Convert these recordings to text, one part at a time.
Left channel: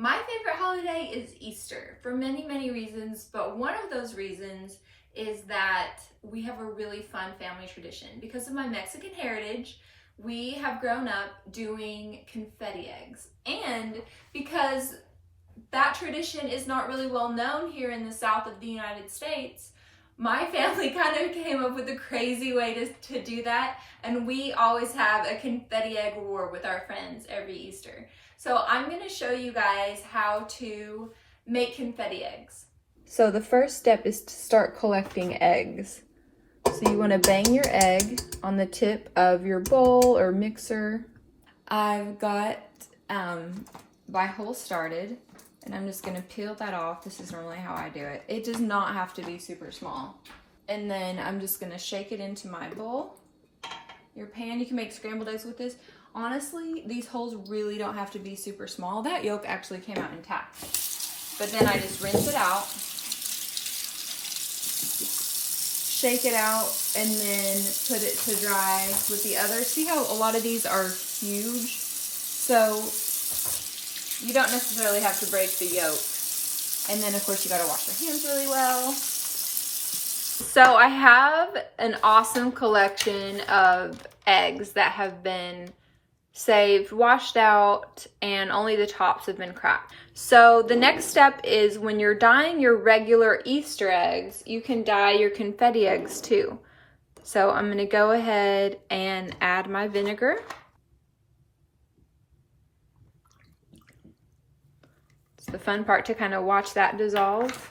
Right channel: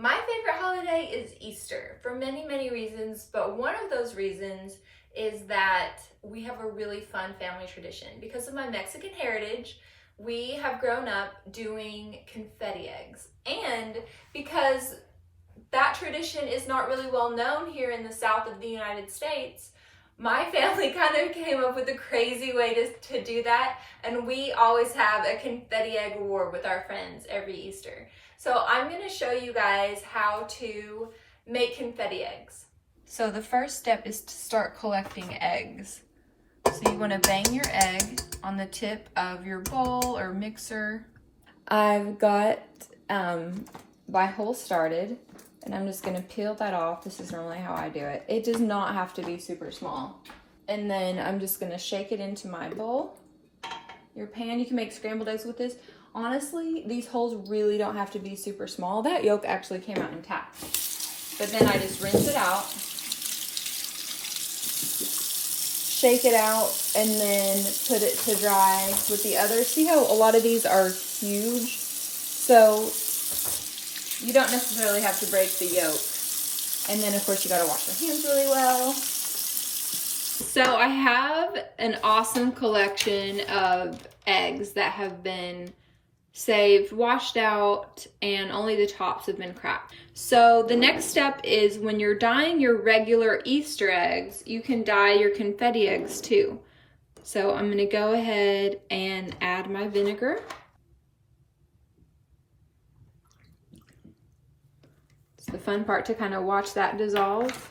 My favorite holiday is Easter for many, many reasons, but one of those reasons is that we have a really fun family tradition. Because of my Mexican heritage, we have grown up doing confetti eggs. And because that tradition is not really well known here in the south of the United States, my family kind of came up with a crazy way to do that, and we always have a confetti egg war with our friends every Easter. So I'm going to show you guys how to make confetti eggs. So the first step is to start collecting eggs. So you want to bang your egg on the tip of your bowl or mixer. I've got my hole started, and I'm just gonna peel that off. This is normally how I do it. It does not have to be super small. And then I'm just gonna shake it into my bowl. Your pan, you can make scrambled eggs with this. Honestly, these holes really don't have to be super small. That yolk actually came out intact. But then I just rinse it out, shake it out, and then put it to dry with the others. See how a lot of these are huge? So you don't necessarily have to break the yolk. And then of course you gotta wash your hands really well. So I have an awesome collection of eggs that have been saved, washed out, and only the tops have been cracked. So the next step is when you're dyeing your regular Easter eggs, you can dye your confetti eggs too. So I'm gonna go ahead and add my vinegar. It's the fun part to kind of watch that dissolve.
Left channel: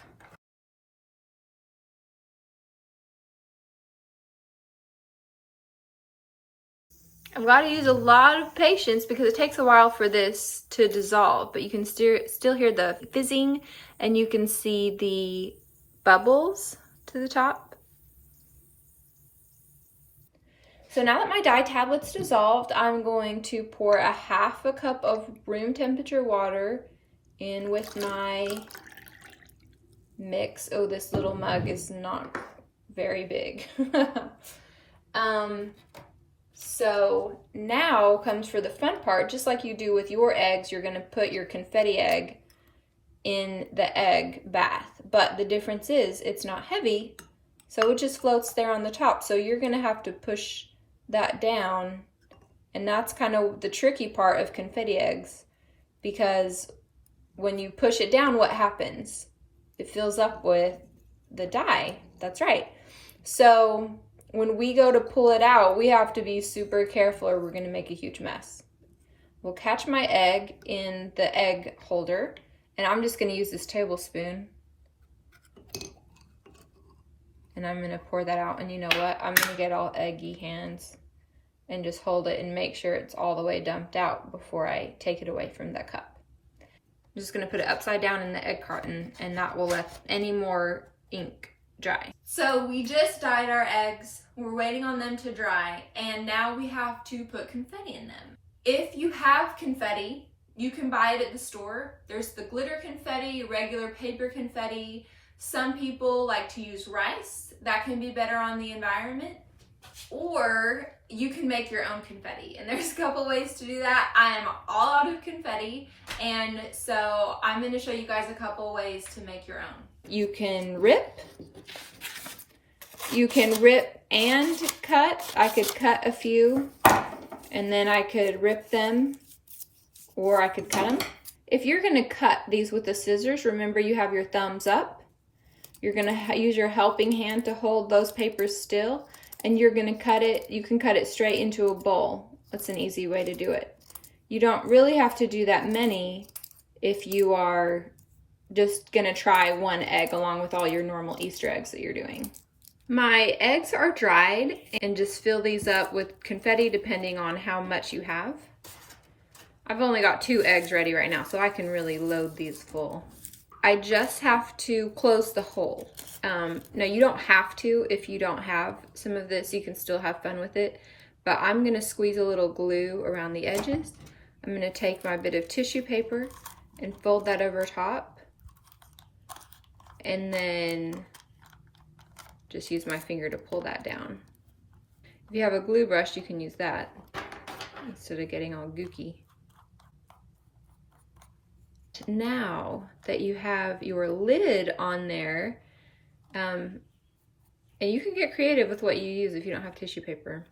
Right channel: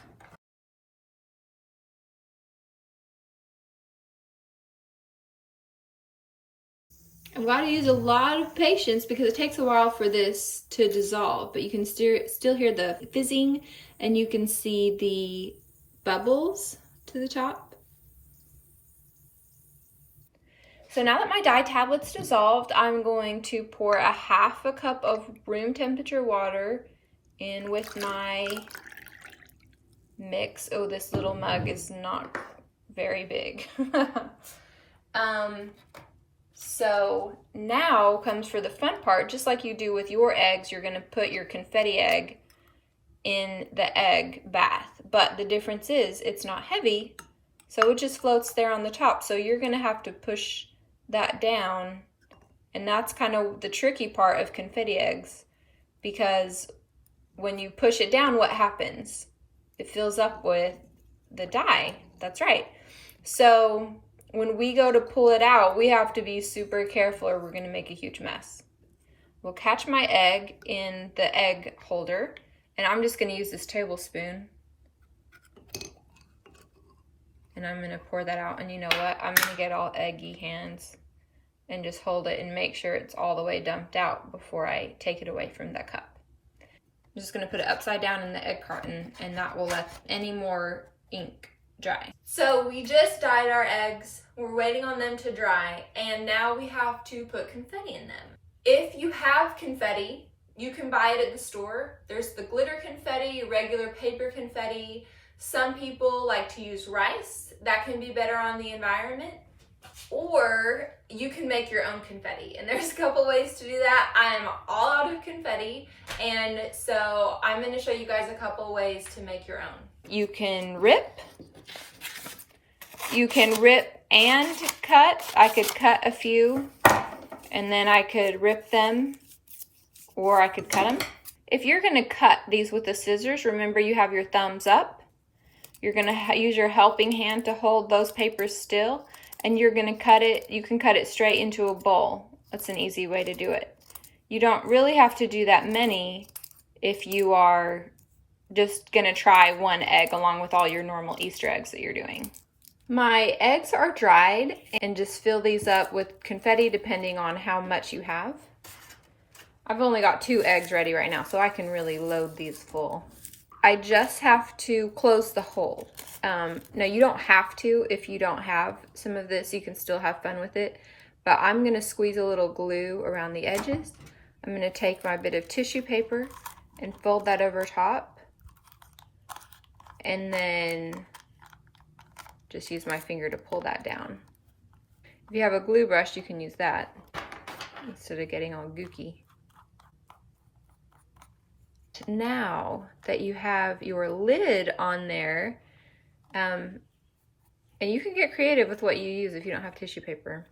I've got to use a lot of patience because it takes a while for this to dissolve, but you can still hear the fizzing, and you can see the bubbles to the top. So now that my dye tablet's dissolved, I'm going to pour a half a cup of room temperature water in with my mix. Oh, this little mug is not very big. So now comes for the fun part. Just like you do with your eggs, you're gonna put your confetti egg in the egg bath. But the difference is it's not heavy, so it just floats there on the top. So you're gonna have to push that down, and that's kind of the tricky part of confetti eggs, because when you push it down, what happens? It fills up with the dye. That's right. So when we go to pull it out, we have to be super careful or we're gonna make a huge mess. We'll catch my egg in the egg holder, and I'm just gonna use this tablespoon. And I'm gonna pour that out, and you know what? I'm gonna get all eggy hands and just hold it and make sure it's all the way dumped out before I take it away from the cup. I'm just gonna put it upside down in the egg carton, and that will let any more ink dry. So we just dyed our eggs. We're waiting on them to dry, and now we have to put confetti in them. If you have confetti, you can buy it at the store. There's the glitter confetti, regular paper confetti. Some people like to use rice. That can be better on the environment. Or you can make your own confetti, and there's a couple ways to do that. I am all out of confetti, and so I'm going to show you guys a couple ways to make your own. You can rip and cut. I could cut a few, and then I could rip them, or I could cut them. If you're going to cut these with the scissors, remember you have your thumbs up. You're going to use your helping hand to hold those papers still, and you're going to cut it. You can cut it straight into a bowl. That's an easy way to do it. You don't really have to do that many if you are just going to try one egg along with all your normal Easter eggs that you're doing. My eggs are dried, and just fill these up with confetti depending on how much you have. I've only got 2 eggs ready right now, so I can really load these full. I just have to close the hole. Now you don't have to if you don't have some of this. You can still have fun with it, but I'm gonna squeeze a little glue around the edges. I'm gonna take my bit of tissue paper and fold that over top, and then just use my finger to pull that down. If you have a glue brush, you can use that instead of getting all gooky. now that you have your lid on there, and you can get creative with what you use if you don't have tissue paper.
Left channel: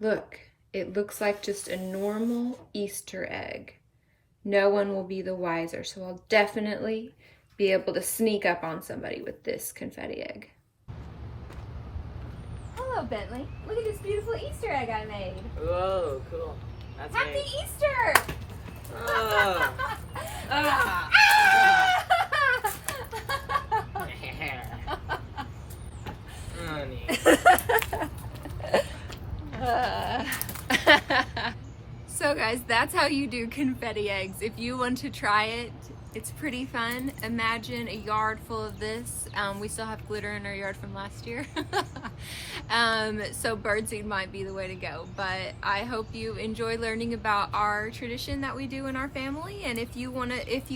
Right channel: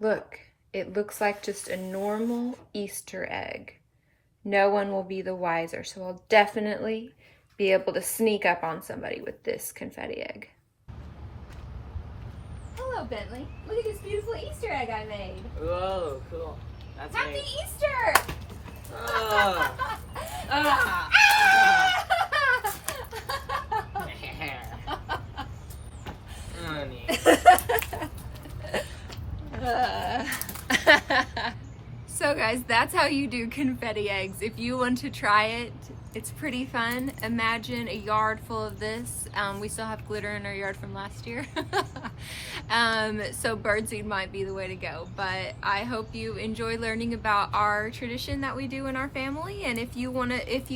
Look, it looks like just a normal Easter egg. No one will be the wiser, so I'll definitely be able to sneak up on somebody with this confetti egg. Hello, Bentley. Look at this beautiful Easter egg I made. Whoa, cool. That's Happy neat. Easter! So guys, that's how you do confetti eggs. If you want to try it, it's pretty fun. Imagine a yard full of this. We still have glitter in our yard from last year. So birdseed might be the way to go. But I hope you enjoy learning about our tradition that we do in our family. And if you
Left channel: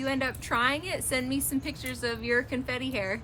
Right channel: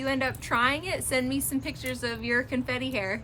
end up trying it, send me some pictures of your confetti hair.